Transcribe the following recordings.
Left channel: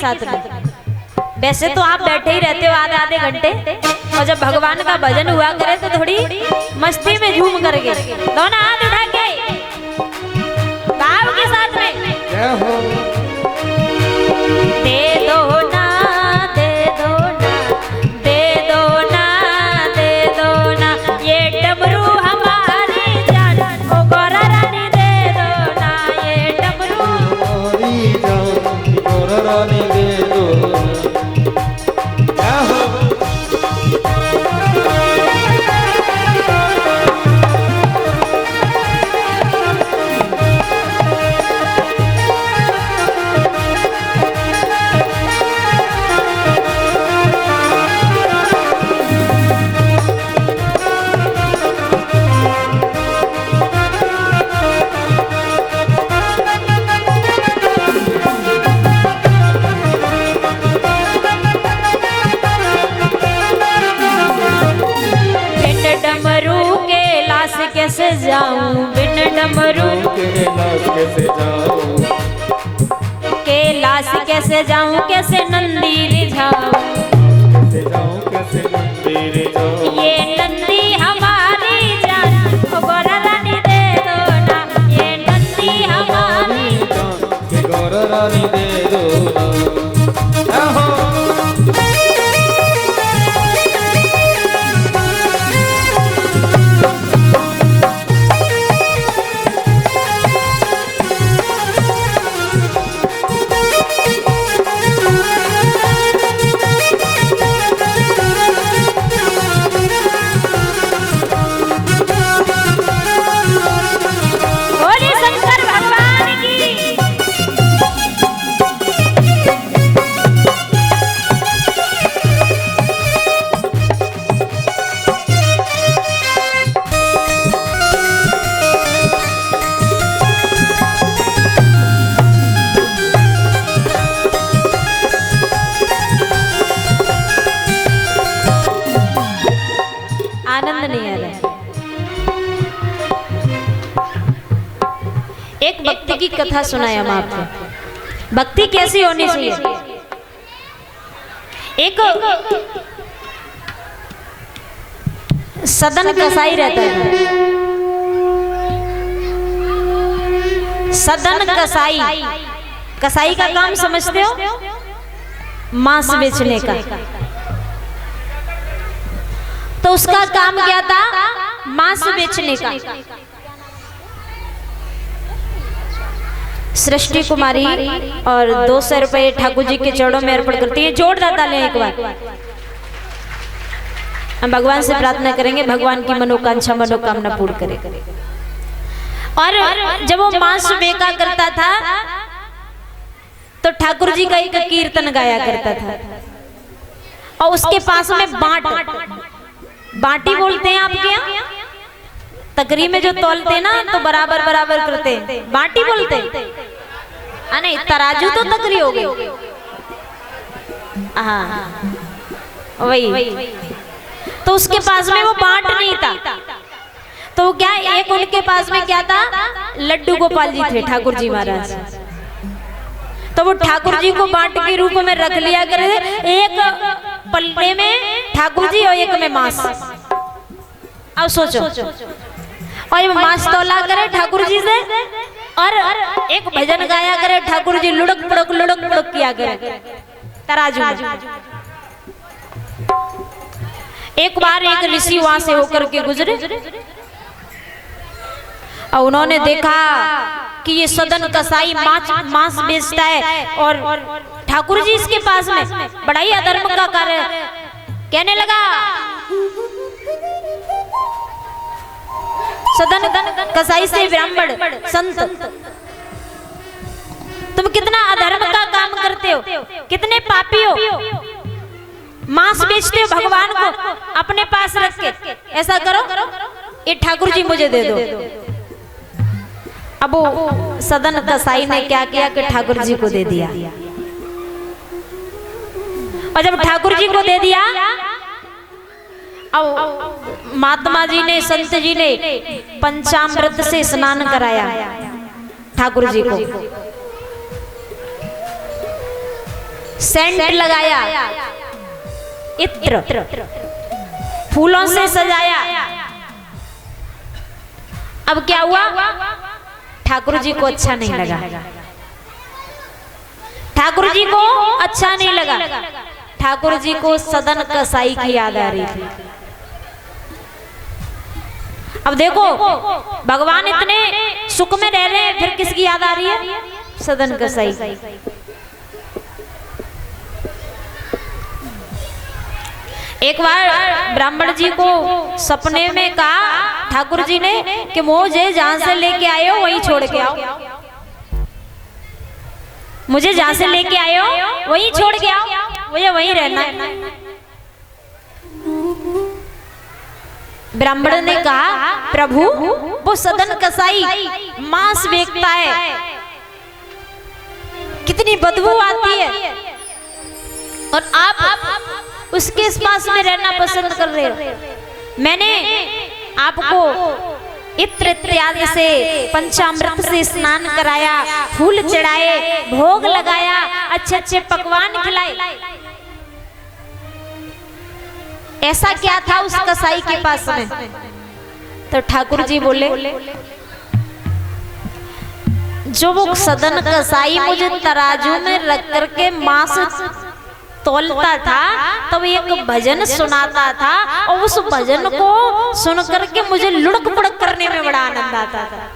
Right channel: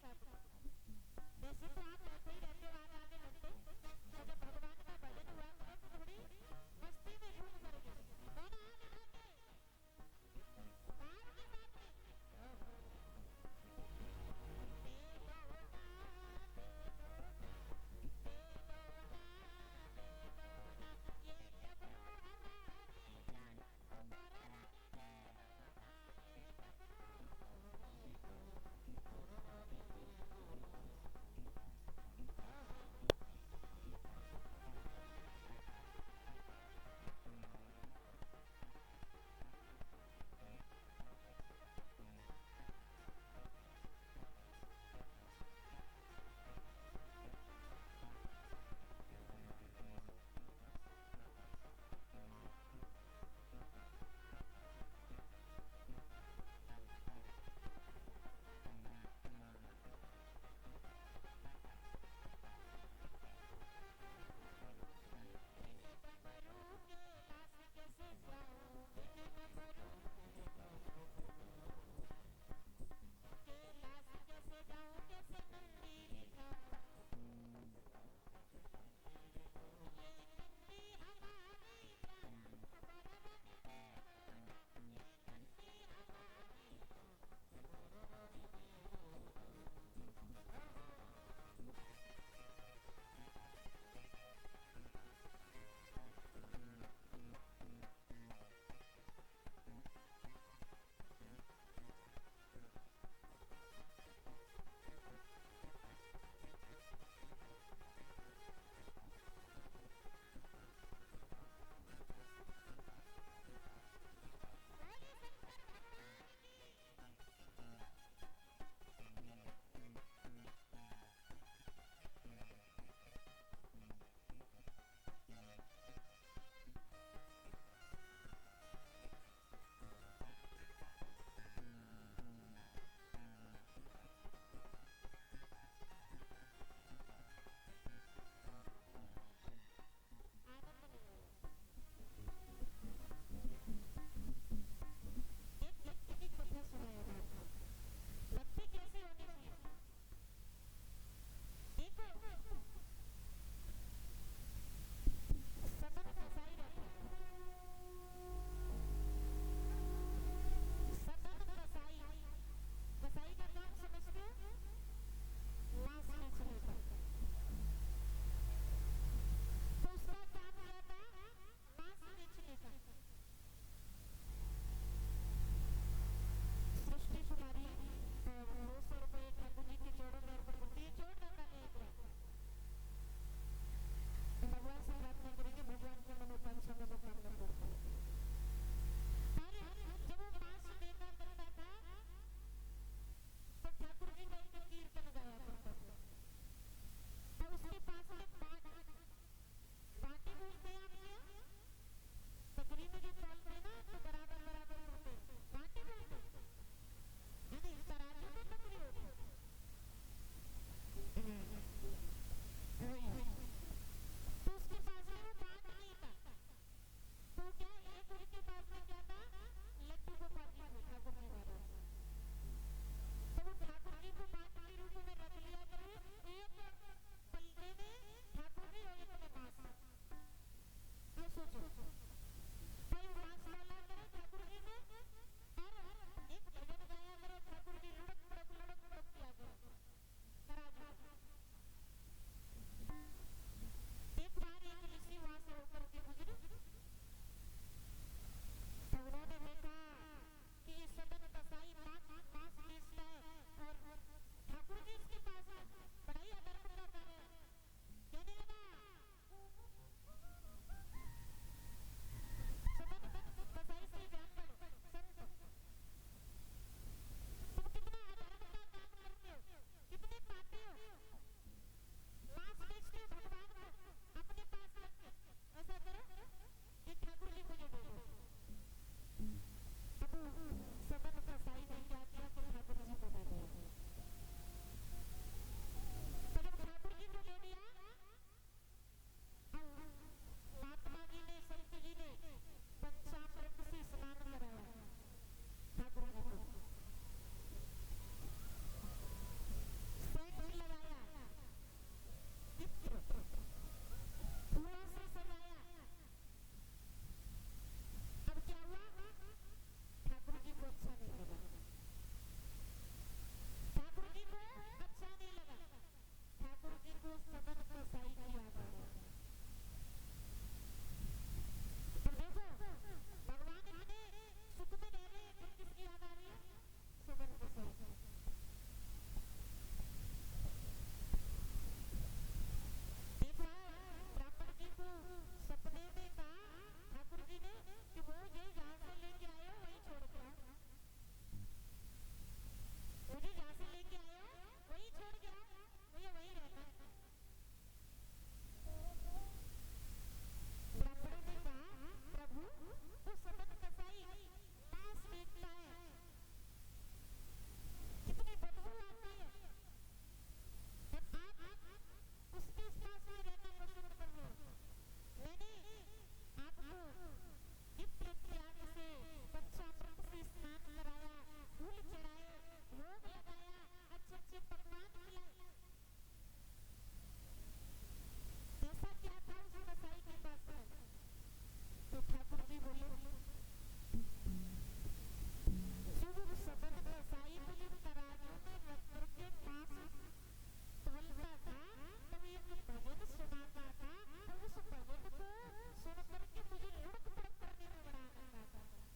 साथ में। वैसे तो आप बैठे ही रहते हो आधे आधे घंटे, और जब भगवान का भजन हुआ करे तो थोड़ी मस्ती में झूम करके दोनों हाथ उठा के भाव के साथ में दे दो ना, दे दो ना, दे दो ना, दे दो ना, ये डमरू हमारी जान, ओ गोरा रानी दे दो ना, ये डमरू हमारी जान, गोरा रानी दे दो। कैसे जाऊं बिन डमरू कैसे जाऊं, कैलाश कैसे जाऊं, कैसे नंदी रिझाऊं, कैसे जाऊं, कैसे नंदी रिझाऊं, ये नंदी हमारी जान, ओ गोरा रानी दे दो ना, ये नंदी हमारी जान, गोरा रानी दे दो ना। एक भक्ति की कथा सुनाए हम आपको। भक्ति कैसी होनी चाहिए? एक सदन कसाई रहता है, सदन कसाई। कसाई का काम समझते हो? मांस बेचने का। तो उसका काम क्या था? मांस बेचने का। सृष्टि कुमारी और 200 रुपए ठाकुर जी के चरणों में अर्पण करती है। जोरदार तालियां एक बार। हम भगवान से प्रार्थना करेंगे, भगवान की मनोकांक्षा मनोकामना पूर्ण करे। और जब वो मांस बेचा करता था तो ठाकुर जी का एक कीर्तन गाया करता था, और उसके पास में बाटी बोलते हैं आपके यहाँ, तकरी में जो तौलते ना तो बराबर बराबर करते, बाटी बोलते। नहीं, तराजू तो तकरी हो गई। हाँ वही। तो उसके पास में वो बाट नहीं था, तो क्या एक उनके पास में क्या था? लड्डू गोपाल जी थे, ठाकुर जी महाराज। तो वो ठाकुर जी को बाट के रूप में रख लिया करे, एक पल्ले में ठाकुर जी और एक में मांस। अब सोचो, और ये मांस तौला करे ठाकुर जी से, और एक भजन गाया करे ठाकुर जी, लुढ़क पुढ़क किया करे तराजू। एक बार एक ऋषि वहां से होकर के गुजरे, और उन्होंने देखा कि ये सदन कसाई मांस बेचता है, और ठाकुर जी इसके पास में बड़ा ही अधर्म का कार्य। कहने लगा, सदन कसाई से ब्राह्मण संत, तुम कितना अधर्म का काम करते हो, कितने पापी हो, मांस बेचते हो भगवान को अपने पास रख के। ऐसा करो, ये ठाकुर जी मुझे दे दो। अब वो सदन कसाई ने क्या किया कि ठाकुर जी को दे दिया, और जब ठाकुर जी को दे दिया, अब महात्मा जी ने, संत जी ने पंचामृत से स्नान कराया ठाकुर जी को। सेंट लगाया, इत्र फूलों से सजाया। अब क्या हुआ, ठाकुर जी को अच्छा नहीं लगा, ठाकुर जी को अच्छा नहीं लगा। ठाकुर जी को सदन कसाई की याद आ रही थी। अब देखो भगवान इतने सुख में रह रहे हैं, फिर किसकी याद आ रही है, सदन कसाई। एक बार ब्राह्मण जी को सपने में कहा ठाकुर जी ने कि मुझे जहां से लेके आए हो वहीं छोड़ के आओ, मुझे जहां से लेके आए हो वहीं छोड़ के आओ, मुझे वहीं रहना है। ब्राह्मण ने कहा प्रभु वो सदन कसाई मांस बेचता है, कितनी बदबू आती है, और आप उसके पास में रहना पसंद कर रहे हो। मैंने आपको इत्र इत्यादि से पंचामृत से स्नान कराया, फूल चढ़ाए, भोग लगाया, अच्छे अच्छे पकवान खिलाए। ऐसा क्या था उस कसाई के पास में? तो ठाकुर जी बोले जो वो सदन कसाई मुझे तराजू में रख करके मांस तोलता था, तब एक भजन सुनाता था, और उस भजन को सुन करके मुझे लुढ़क पुढ़क करने में बड़ा आनंद आता था,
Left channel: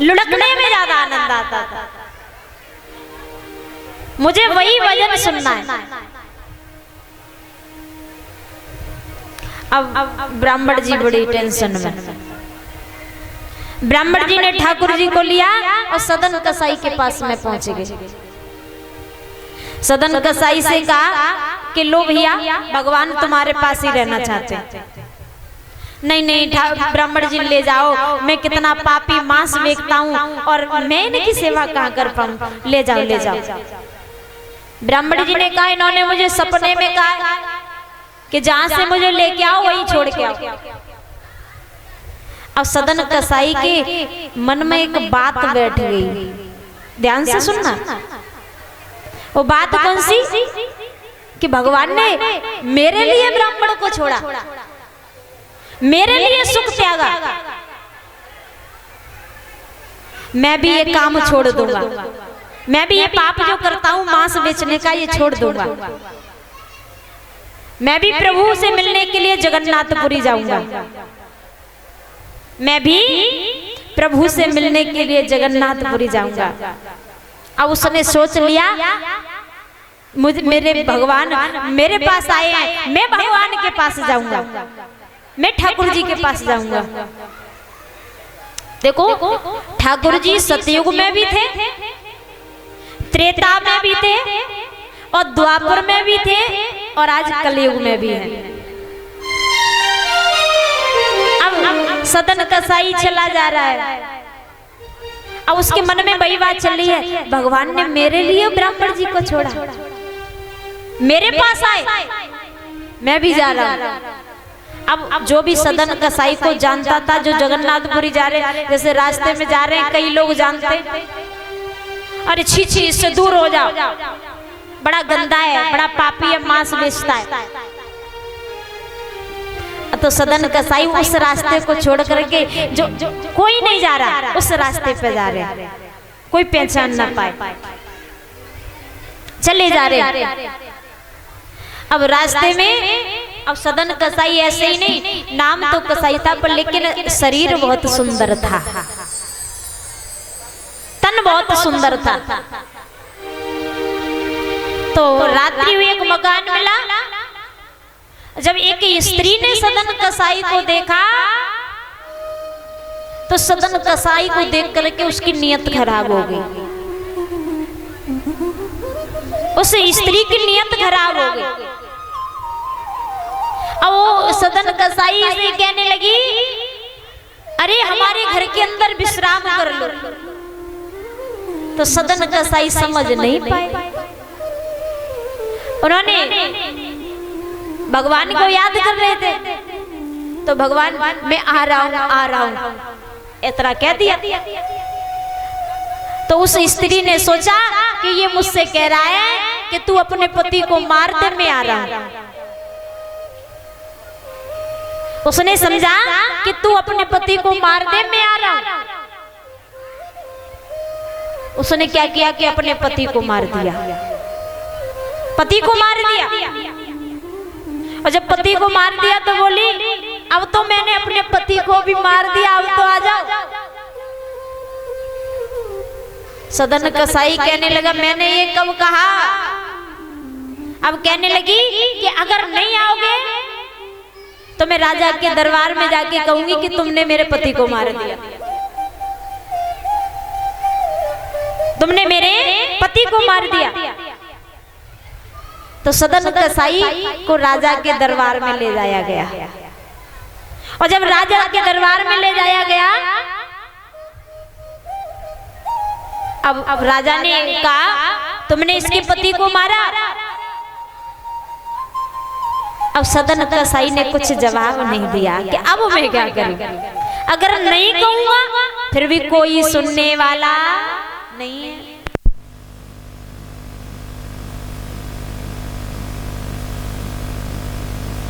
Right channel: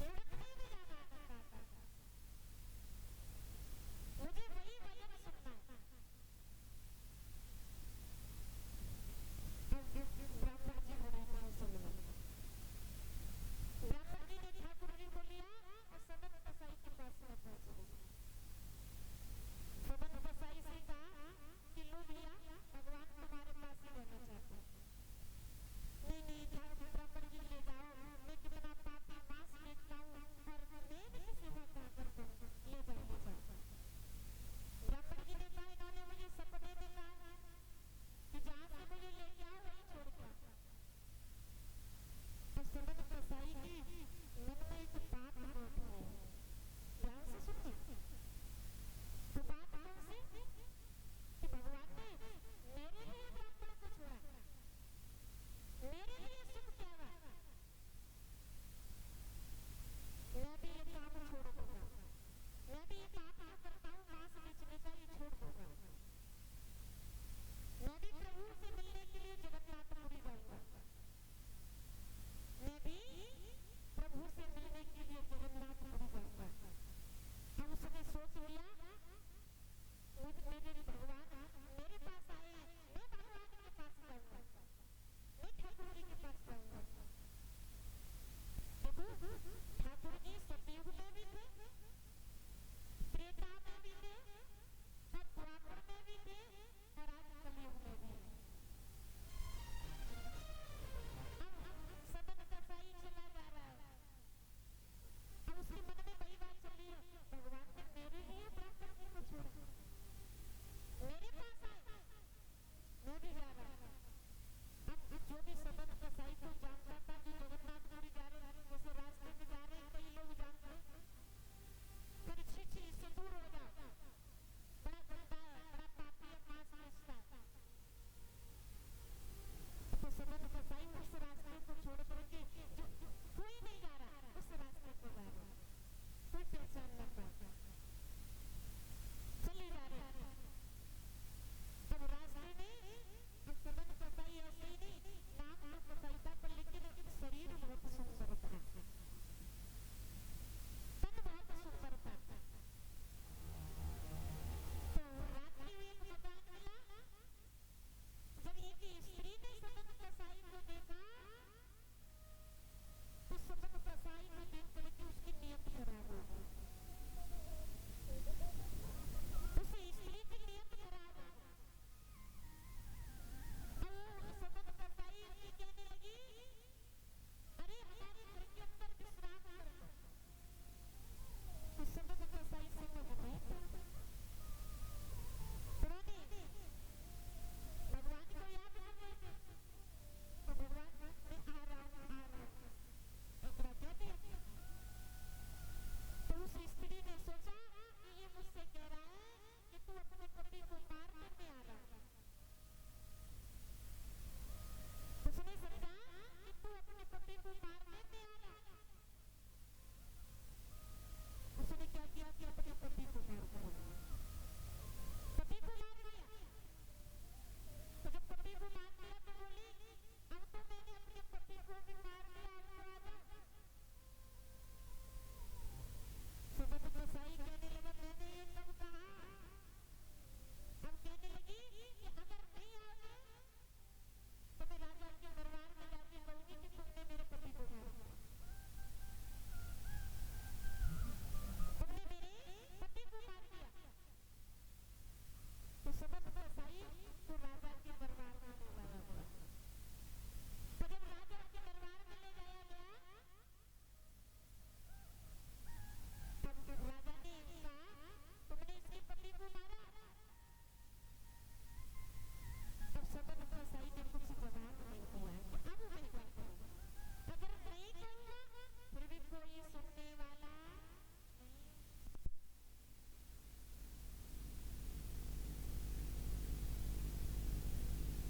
लुढ़कने में ज्यादा आनंद आता था। मुझे वही भजन सुनना है। अब ब्राह्मण जी बड़ी टेंशन में। ब्राह्मण जी ने ठाकुर जी को लिया और सदन कसाई के पास में पहुंच गए। सदन कसाई से कहा कि लो भैया भगवान तुम्हारे पास ही रहना चाहते हैं। नहीं नहीं ब्राह्मण जी ले जाओ, मैं कितना पापी मांस बेचता हूँ और मैं इनकी सेवा कहाँ कर पाऊँ, ले जाओ ले जाओ। ब्राह्मण जी ने कहा इन्होंने मुझे सपने में कहा कि जहां से मुझे लेके आओ वहीं छोड़ के आओ। अब सदन कसाई के मन में एक बात बैठ गई, ध्यान से सुनना। वो बात कौन सी कि भगवान ने मेरे लिए ब्राह्मण को छोड़ा, मेरे लिए सुख त्यागा, मैं भी ये काम छोड़ दूंगा, मैं भी ये पाप जो करता हूं मांस बेचने का ये छोड़ दूंगा, मैं भी प्रभु से मिलने के लिए जगन्नाथपुरी जाऊंगा, मैं भी प्रभु से मिलने के लिए जगन्नाथपुरी जाऊंगा। अब उसने सोच लिया मुझे मेरे भगवान मेरे पास आए हैं, मैं भगवान के पास जाऊंगा, मैं ठाकुर जी के पास जाऊंगा। देखो ठाकुर जी सतयुग में भी थे, त्रेता में भी थे, और द्वापर में भी थे, और आज कलयुग में भी है। अब सदन कसाई चला जा रहा है। अब उसके मन में वही बात चल रही है, भगवान ने मेरे लिए ब्राह्मण जी को छोड़ा, मेरे पास आए, मैं भी जा रहा हूं। अब जो भी सदन कसाई को जानता था, जो जगन्नाथपुरी जा रहे, जैसे रास्ते में जा रहे हैं कई लोग जानते, अरे छी छी इससे दूर हो जाओ, बड़ा गंदा है, बड़ा पापी है, मांस बेचता है। तो सदन कसाई उस रास्ते को छोड़ करके जो कोई नहीं जा रहा उस रास्ते पे जा रहे, कोई पहचान ना पाए, चले जा रहे। अब रास्ते में अब सदन कसाई ऐसे ही नहीं, नाम तो कसाई था पर लेकिन शरीर बहुत सुंदर था, तन बहुत सुंदर था। तो रात्रि हुई, एक मकान मिला। जब एक स्त्री ने सदन कसाई को देखा तो सदन कसाई को देख करके उसकी नीयत खराब हो गई, उस स्त्री की नीयत खराब हो गई। अब वो सदन कसाई से कहने लगी अरे हमारे घर के अंदर विश्राम कर लो। तो सदन कसाई समझ नहीं पाए, उन्होंने भगवान को याद कर रहे थे, तो भगवान मैं आ रहा हूं इतना कह दिया। तो उस स्त्री ने सोचा कि ये मुझसे कह रहा है कि तू अपने पति को मार दे, मैं आ रहा हूं। उसने समझा कि तू अपने पति को मार दे, मैं आ रहा हूं। उसने क्या किया कि अपने पति को मार दिया, पति को मार दिया। और जब पति को मार दिया तो बोली अब तो मैंने अपने पति को भी मार दिया, अब तो आ जाओ। सदन कसाई कहने लगा मैंने ये कब कहा? अब कहने लगी कि अगर नहीं आओगे तो मैं राजा के दरबार में जाके कहूंगी कि तुमने मेरे पति को मार दिया, तुमने मेरे पति को मार दिया। तो सदन कसाई को राजा के दरबार में ले जाया गया। और जब राजा के दरबार में ले जाया गया, अब राजा ने कहा तुमने इसके पति को मारा। अब सदन कसाई ने कुछ जवाब नहीं दिया कि अब मैं क्या करूं, अगर नहीं कहूंगा फिर भी कोई सुनने वाला नहीं है।